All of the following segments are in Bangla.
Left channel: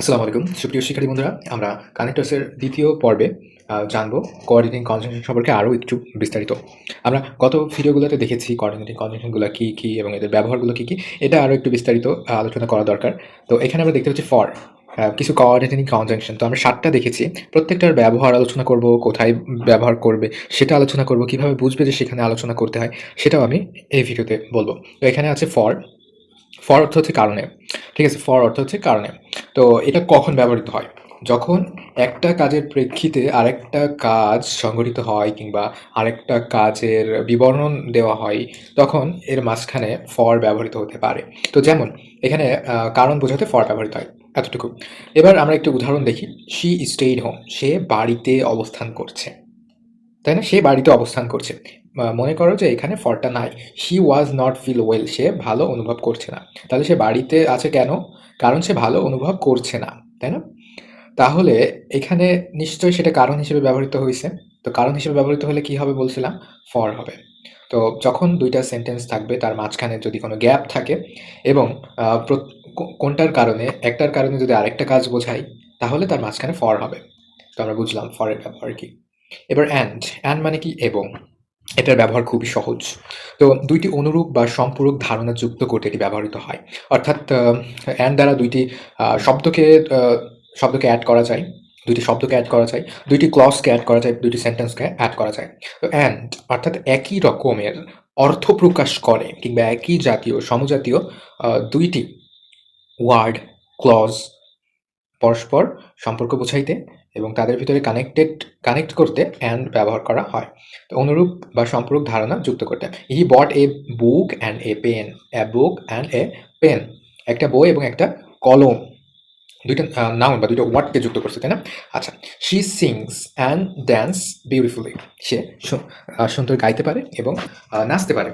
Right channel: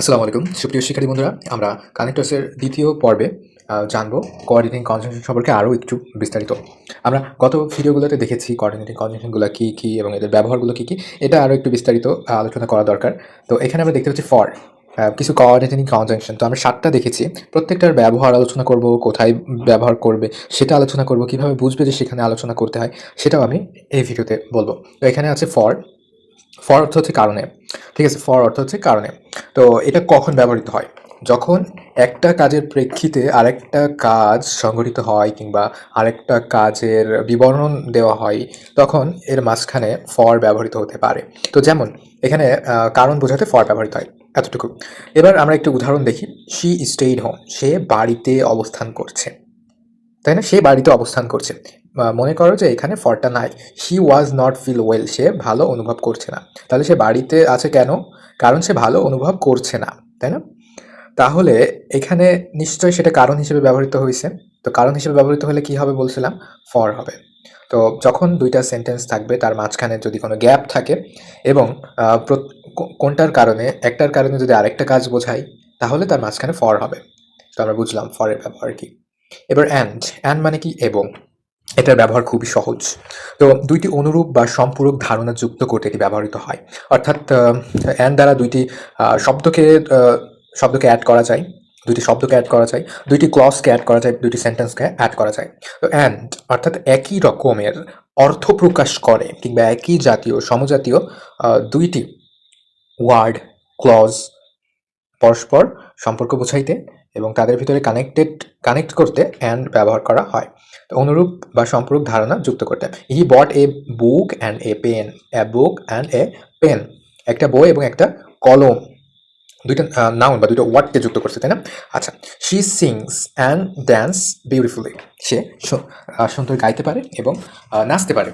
আসসালামু আলাইকুম সুপ্রিয় শিক্ষার্থী বন্ধুরা, আমরা কানেক্টরসের দ্বিতীয় পর্বে জানবো কোঅর্ডিনেটিং কনজাংশন সম্পর্কে আরও একটু বিস্তারিত। আমরা গত ভিডিওগুলোতে দেখেছি কোঅর্ডিনেটিং কনজাংশনগুলো কী কী এবং এদের ব্যবহারগুলো কী কী, এটা আরও একটু বিস্তারিত আলোচনা করা দরকার। তো এখানে আমরা দেখতে পাচ্ছি ফর কিছু কোঅর্ডিনেটিং কনজাংশন, তো আমরা 7টা দেখেছি। প্রত্যেকটার ব্যবহার আলোচনা করব, কোথায় ব্যবহার করবে সেটা আলোচনা করব, কীভাবে বুঝবে যে সেখানে আলোচনা করতে হয় সেটাও আমি এই ভিডিওতে বলবো। তো এখানে আছে ফর। ফর অর্থ হচ্ছে কারণে, ঠিক আছে? ফর অর্থ হচ্ছে কারণে। তো এটা কখন ব্যবহৃত হয়? যখন একটা কাজের প্রেক্ষিতে আরেকটা কাজ সংঘটিত হয় কিংবা আরেকটা কাজের বিবরণ দেওয়া হয়, তখন এর মাঝখানে ফর ব্যবহৃত হতে পারে। তো যেমন এখানে কারণ বোঝাতে ফর ব্যবহৃত হয়, এতটুকু। এবার আমরা একটু উদাহরণ দেখি। শি স্টেইড হোম, সে বাড়িতে অবস্থান করছে, তাই না? সে বাড়িতে অবস্থান করছে। মনে করো যে এখানে ফরটা নাই। হি ওয়াজ নট ফিল ওয়েল, সে ভালো অনুভব করছে না। তাহলে সে বাড়িতে আছে কেন? কারণ সে ভালো অনুভব করছে না, তাই না? তাহলে এখানে নিশ্চয়ই সেটা কারণ হিসেবে ব্যবহৃত হয়েছে। তো কারণ হিসেবে ব্যবহৃত হলে কি হবে বলছিলাম? ফর হবে। তো যখন 2টা সেন্টেন্স থাকবে, তার মাঝখানে যদি কোনো গ্যাপ থাকে এবং কোনটার কারণে, একটার কারণে যদি আরেকটা কাজ বোঝায়, তাহলে তার মাঝখানে ফর হবে। তো আমরা বুঝলাম ফরের ব্যবহার কি। এবার অ্যান্ড মানে কি? এবং। এটার ব্যবহার খুবই সহজ। তো 2টি অনুরূপ বা সম্পূরক ধারণা যুক্ত করতে এটি ব্যবহৃত হয়। অর্থাৎ অ্যান্ড দ্বারা 2টি শব্দকে অ্যাড করা যায়। 2টি শব্দকে অ্যাড করা যায়, 2টি ক্লজকে অ্যাড করা যায়, 2টি সেন্টেন্সকে অ্যাড করা যায়। তো অ্যান্ড অর্থাৎ একই রকমের অর্থ প্রকাশ করে কিংবা একই জাতীয়, সমজাতীয় 2টি ওয়ার্ড, ক্লজ পরস্পর সম্পর্ক বোঝাইতে এবং তাদের ভিতরে কানেক্ট করতে অ্যান্ড ব্যবহার করা হয়। তো অনুরূপ বা সম্পূরক ধারণা যুক্ত করতে। He bought a book and a pen, a book and a pen. একটা বই এবং একটা কলম, 2টা নাউন বা 2টা ওয়ার্ডকে যুক্ত করছে, তাই না? আচ্ছা, she sings and dance beautifully, সে সুন্দর গাইতে পারে এবং নাচতে পারে।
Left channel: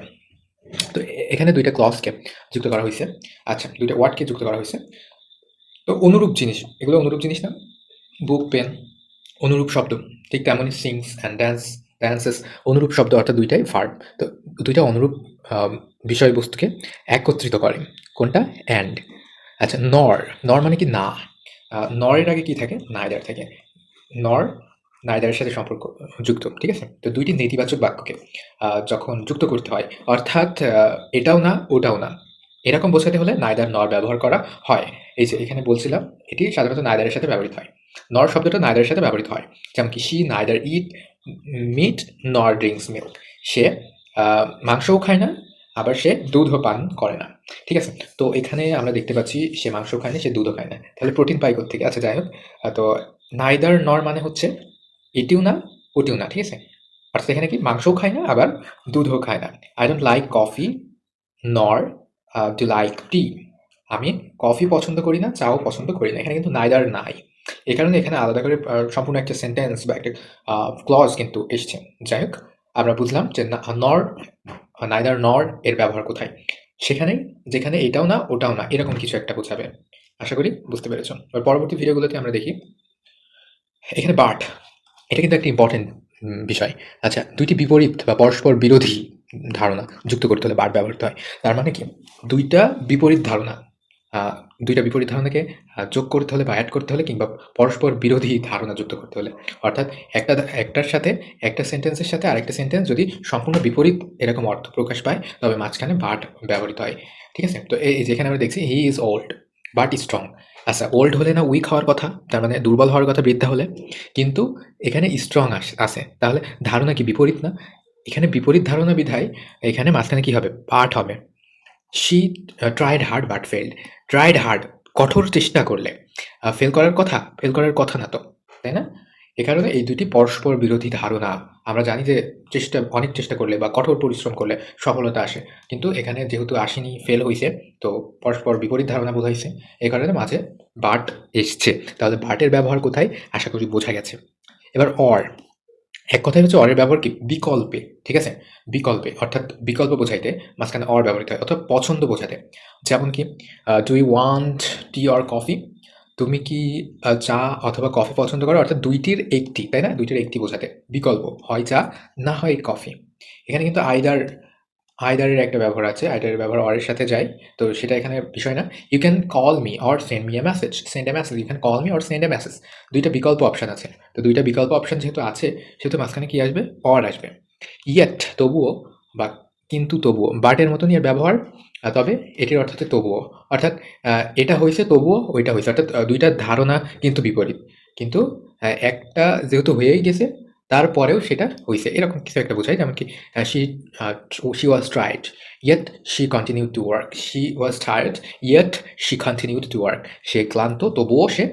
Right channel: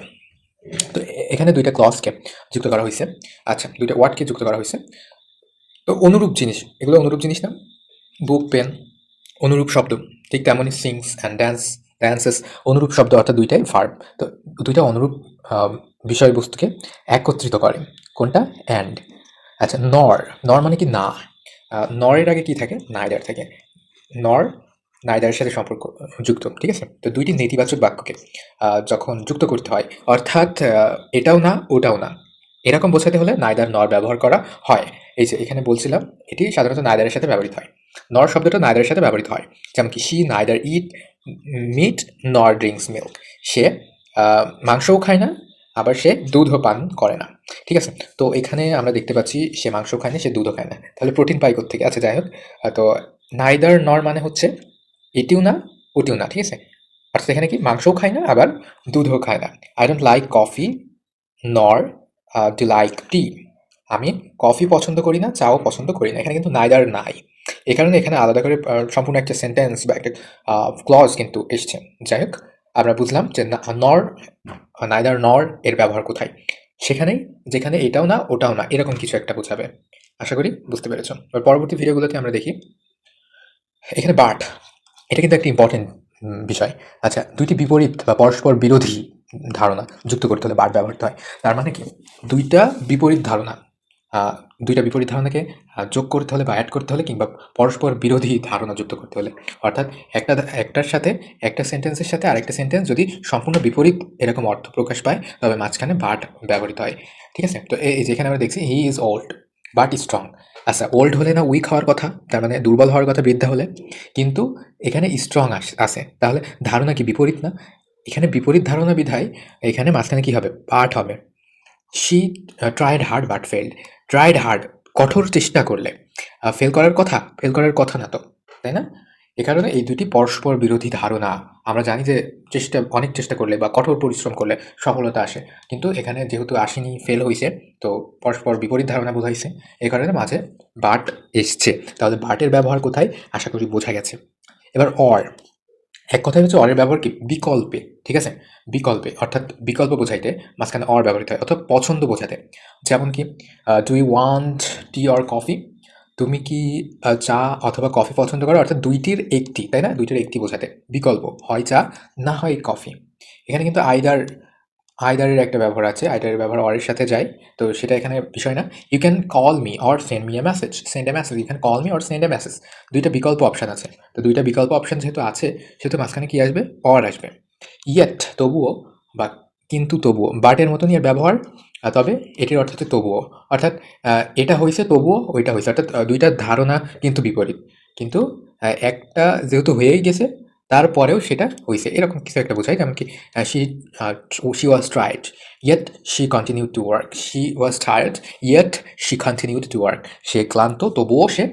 তো এখানে 2টা ক্লজকে যুক্ত করা হয়েছে। আচ্ছা, 2টা ওয়ার্ডকে যুক্ত করা হয়েছে। তো অনুরূপ জিনিস, এগুলো অনুরূপ জিনিস না? বুক, পেন অনুরূপ শব্দ। ঠিক তেমনই সিংস অ্যান্ড ড্যান্সেস অনুরূপ শব্দ, অর্থাৎ 2টাই ভার্ব। তো 2টা অনুরূপ বিষয়বস্তুকে একত্রিত করে। কোনটা? অ্যান্ড। আচ্ছা, নর মানে কি? না। নরের আগে কি থাকে? নাইদার থাকে। নর নাইদারের সাথে সম্পর্ক যুক্ত, ঠিক আছে? তো 2টি নেতিবাচক বাক্যকে যখন যুক্ত করতে হয়, অর্থাৎ এটাও না ওটাও না, এরকম বোঝাতে হলে নাইদার নর ব্যবহার করা হয়। এই যে এখানে বলছিলাম, এটি সাধারণত নাইদারের সাথে ব্যবহৃত হয়। নর শব্দটা নাইদারের সাথে ব্যবহৃত হয়। যেমন কি, শি নাইদার ইট মিট নর ড্রিঙ্কস মিল্ক, সে মাংসও খায় না, আবার সে দুধও পান করে না, ঠিক আছে? তো এখানে আমরা দেখতে পাচ্ছি সে মাংস খায় না, সে দুধও খায় না। তাহলে প্রোটিন পাই কোত্থেকে? আচ্ছা, যাই হোক। তো নাইদার নর মানে হচ্ছে এটিও না ওটিও না, ঠিক আছে? অর্থাৎ এখানে কি, মাংসও খায় না আবার দুধও খায় না। আই ডোন্ট লাইক কফি নর ডু লাইক টি, আমি কফি পছন্দ করি না, চাও পছন্দ করি না। এখানে কিন্তু নাইদার নাই, এই কারণে এখানে আলাদা করে সম্পূর্ণ একটা সেন্টেন্স বা একটা ক্লজ কিন্তু এসছে। যাই হোক, আমরা বুঝলাম যে নর, নাইদার নর এর ব্যবহার কোথায়? সেখানেই, যেখানে এটাও না ওটাও না, এরকম কিছু একটা বোঝাবে। আশা করি বুঝতে পেরেছ। এবার পরবর্তী ভিডিওগুলোতে আমরা দেখি এখানে বাট। এটা কিন্তু একটা ইম্পর্টেন্ট বিষয়। আচ্ছা, 2টি বিপরীত বা পরস্পর বিরোধী ধারণা যুক্ত করতে হলে বাট ব্যবহৃত হয়। তার মানে কি, 2টা বিপরীত ধারণা, 2টা বিপরীত ধারণাকে যোগ করতে হলে বা অ্যাড করতে হলে কিংবা পরস্পর বিরোধী ধারণা যুক্ত করতে হলে, অর্থাৎ একটার সাথে, একটা সেন্টেন্সের সাথে আরেকটা সেন্টেন্স যদি সম্পূর্ণ বিপরীত এরকম অর্থ প্রকাশ পায়, তবে মাঝখানে বাট ব্যবহৃত হয়, ঠিক আছে? তো এই যেখানে আমরা দেখছি he is old but strong. আচ্ছা, ওল্ড হলে না উইক হওয়ার কথা, তার মানে দুর্বল হওয়ার কথা, বৃদ্ধা হলে, কিন্তু এখানে স্ট্রং আছে, তাহলে ধারণা কি বিপরীত না? এখানে বিপরীত ধারণা বিধায় এখানে মাঝখানে কি হবে? পাঠ হবে। She tried hard but failed. Tried hard, কঠোর চেষ্টা করলে। ফেল করার কথা না তো, তাই না? এ কারণে এই 2টি পরস্পর বিরোধী ধারণা। আমরা জানি যে অনেক চেষ্টা করলে বা কঠোর পরিশ্রম করলে সফলতা আসে, কিন্তু এখানে যেহেতু আসেনি, ফেল হয়েছে, তো পরস্পর বিপরীত ধারণা বোঝাইছে, এই কারণে মাঝে বাট এসছে। তাহলে বাটের ব্যবহার কোথায়? আশা করি বোঝা গেছে। এবার অর, এক কথায় হচ্ছে অরের ব্যবহার কি? বিকল্পে, ঠিক আছে? বিকল্পে, অর্থাৎ বিকল্প বোঝাইতে মাঝখানে অর ব্যবহৃত হয়, অথবা পছন্দ বোঝাতে। যেমন কি, do you want tea or coffee? তুমি কি চা অথবা কফি পছন্দ করো? অর্থাৎ 2টির একটি, তাই না? 2টির একটি বোঝাতে বিকল্প, হয় চা না হয় কফি। এখানে কিন্তু আইদারের একটা ব্যবহার আছে, আইদারের ব্যবহার অর এর সাথে যায়। তো সেটা এখানে বিষয় না। You can call me or send me a message, send a message, you can call me or send a message. ২ টা বিকল্প অপশন আছে। তো ২ টা বিকল্প অপশন যেহেতু আছে, সেহেতু মাঝখানে কি আসবে? অর আসবে। ইয়েট তবুও, বা কিন্তু তবুও, বাট এর মতনই এর ব্যবহার। তবে এটির অর্থ হচ্ছে তবুও। অর্থাৎ এটা হইছে তবুও ওইটা হইছে। অর্থাৎ ২ টার ধারণা কিন্তু বিপরীত। কিন্তু একটা যেহেতু হয়েই গেছে, তারপরেও সেটা হইছে। এরকম কিছু একটা বোঝায়। যেমন কি she she was tired, yet she continued to work. She was tired, yet she continued to work. সে ক্লান্ত, তবুও সে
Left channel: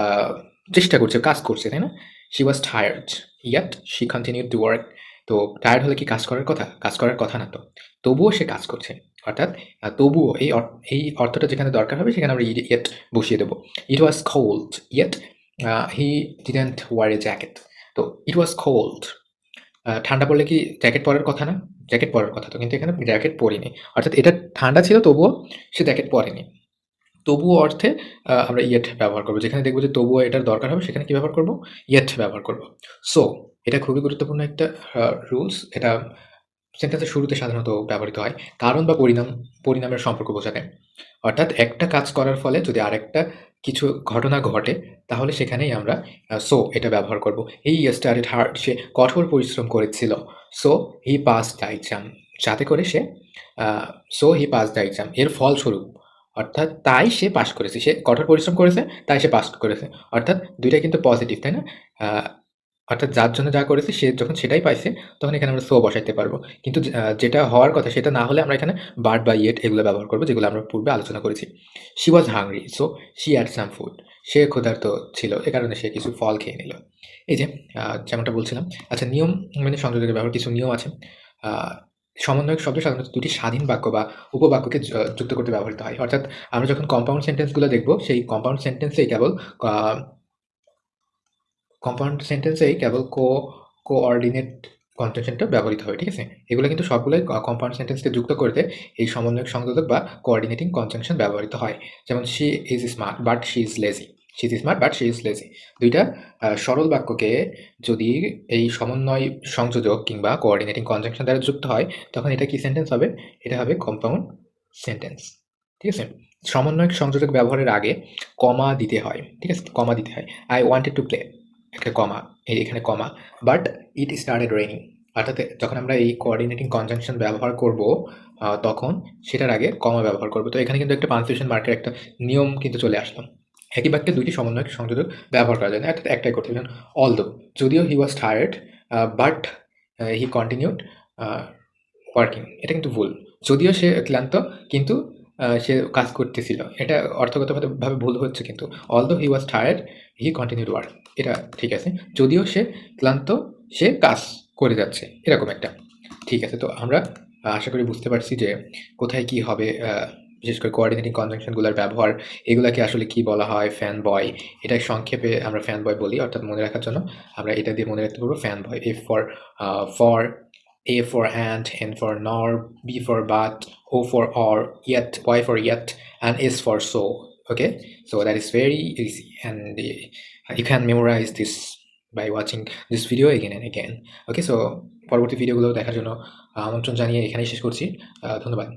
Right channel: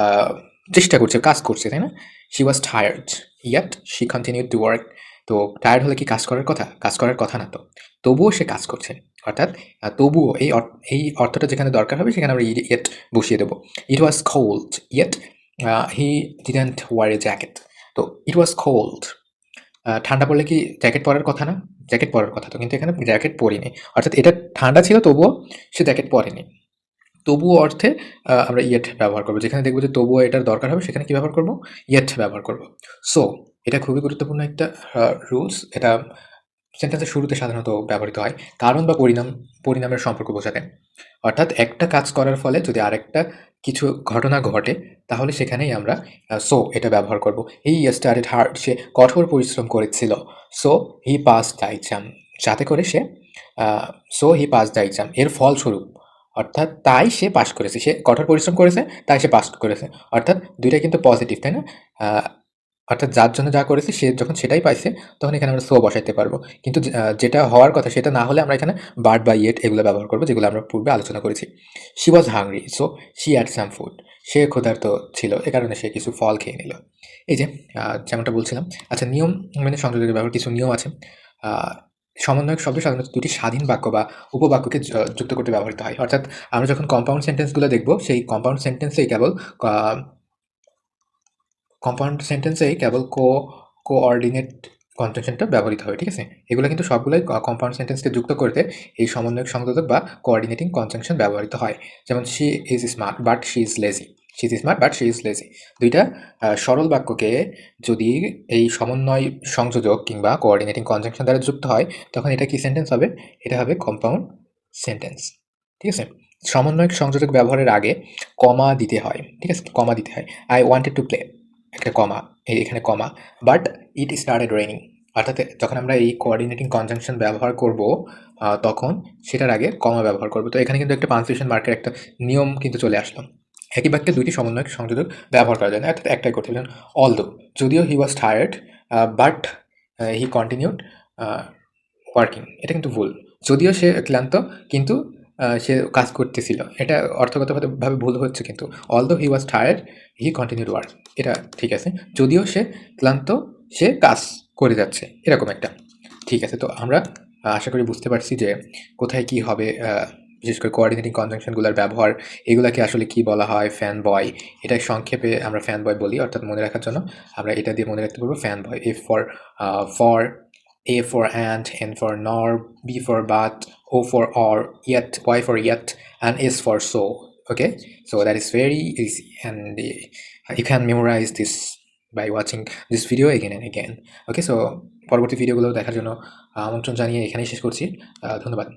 আহ, চেষ্টা করছে, কাজ করছে, তাই না? She was tired, yet she continued to work. তো টায়ার্ড হলে কি কাজ করার কথা? কাজ করার কথা না তো। তবুও সে কাজ করছে। অর্থাৎ তবুও এই অর্থটা যেখানে দরকার হবে সেখানে আমরা yet বসিয়ে দেবো। It was cold, yet he didn't wear a jacket. তো it was cold, ঠান্ডা পড়লে কি জ্যাকেট পরার কথা না? জ্যাকেট পরার কথা তো, কিন্তু এখানে জ্যাকেট পরিনি। অর্থাৎ এটা ঠান্ডা ছিল তবুও সে জ্যাকেট পরেনি। তবুও অর্থে আমরা ইয়েট ব্যবহার করব। যেখানে দেখব যে তবুও এটার দরকার হবে সেখানে কি ব্যবহার করব? ইয়েট ব্যবহার করব। সো এটা খুবই গুরুত্বপূর্ণ একটা রুলস। এটা সেন্টেন্সের শুরুতে সাধারণত ব্যবহৃত হয় কারণ বা পরিণামের সম্পর্ক বোঝাতে। অর্থাৎ একটা কাজ করার ফলে যদি আরেকটা কিছু ঘটনা ঘটে, তাহলে সেখানেই আমরা সো এটা ব্যবহার করব। হি স্টাডিড হার্ড, সে কঠোর পরিশ্রম করেছিল। So he pass the exam, যাতে করে say so he pass the exam এর ফলস্বরূপ, অর্থাৎ তাই সে পাস করেছে। সে কঠোর পরিশ্রম করেছে, তাই সে পাস করেছে। অর্থাৎ দুইটা কিন্তু পজিটিভ, তাই না? আহ, অর্থাৎ যার জন্য যা করেছে সে যখন সেটাই পাইছে, তখন এখানে আমরা সো বসাইতে পারবো। কিন্তু যেটা হওয়ার কথা সেটা না হলে আমরা এখানে বাট বা ইয়েট এগুলো ব্যবহার করবো, যেগুলো আমরা পূর্বে আলোচনা করেছি। She was hungry, so she had some food. সে ক্ষুধার্ত ছিল, এ কারণে সে কিছু ফল খেয়ে নিল। এই যে যেমনটা বলছিলাম। আচ্ছা, নিয়ম মেনে সংযোজকের ব্যবহার কিছু নিয়ম আছে। আহ, সমন্বয়ক শব্দ সাধারণত দুটি স্বাধীন বাক্য বা উপবাক্যকে যুক্ত করতে ব্যবহৃত হয়। অর্থাৎ আমরা যখন কম্পাউন্ড সেন্টেন্সগুলো দেখব, সেই কম্পাউন্ড সেন্টেন্সেই কেবল কম্পাউন্ড সেন্টেন্সেই কেবল কোঅর্ডিনেট কনজাংশনটা ব্যবহৃত হবে, ঠিক আছে? এগুলো কিন্তু সবগুলোই কম্পাউন্ড সেন্টেন্সকে যুক্ত করতে এই সমন্বয়ক সংযোজক বা কোঅর্ডিনেটিং কনজাংশন ব্যবহৃত হয়। যেমন she is smart but she is lazy. She is smart but she is lazy. দুইটা সরল বাক্যকে যদি এই সমন্বয় সংযোজক কিংবা কোঅর্ডিনেটিং কনজাংশন দ্বারা যুক্ত হয়, তখন এটা কি সেন্টেন্স হবে? এটা হবে কম্পাউন্ড সেন্টেন্স, ঠিক আছে? সমন্বয়ক সংযোজক ব্যবহারের আগে কমা দিতে হয়, ঠিক আছে? কমা দিতে হয়। আই ওয়ান্টেড টু প্লে, একটা কমা, এখানে কমা, বাট ইট স্টার্টেড রেইনিং। অর্থাৎ যখন আমরা এই কোঅর্ডিনেটিং কনজাংশন ব্যবহার করব, তখন সেটার আগে কমা ব্যবহার করব। তো এখানে কিন্তু একটা পাংচুয়েশন মার্কের একটা নিয়ম কিন্তু চলে আসলো। একই বাক্যে দুইটি সমন্বয়ক সংযোজক ব্যবহার করা যায় না, অর্থাৎ একটাই করতে হবে। যেমন অলদো, যদিও he was tired but he continued working, এটা কিন্তু ভুল। যদিও সে ক্লান্ত, কিন্তু সে কাজ করতেছিল। এটা অর্থগতভাবে ভুল হচ্ছে কিন্তু। Although he was tired, he continued work, এটা ঠিক আছে। যদিও সে ক্লান্ত, সে কাজ করে যাচ্ছে, এরকম একটা। ঠিক আছে, তো আমরা আশা করি বুঝতে পারছি যে কোথায় কি হবে। বিশেষ করে কোঅর্ডিনেটিং কনজাংশনগুলোর ব্যবহার, এগুলাকে আসলে কি বলা হয়, ফ্যান বয়। এটা সংক্ষেপে আমরা ফ্যান বয় বলি। অর্থাৎ মনে রাখার জন্য আমরা এটা দিয়ে মনে রাখতে পারবো fan boy. F for for, A for ant, N for nor, B for but, O for or, yet, Y for yet, and S for so. Okay, so that is very easy, and you can memorize this by watching this video again and again. Okay, so পরবর্তী ভিডিওগুলো দেখার জন্য আমন্ত্রণ জানিয়ে এখানেই শেষ করছি। ধন্যবাদ।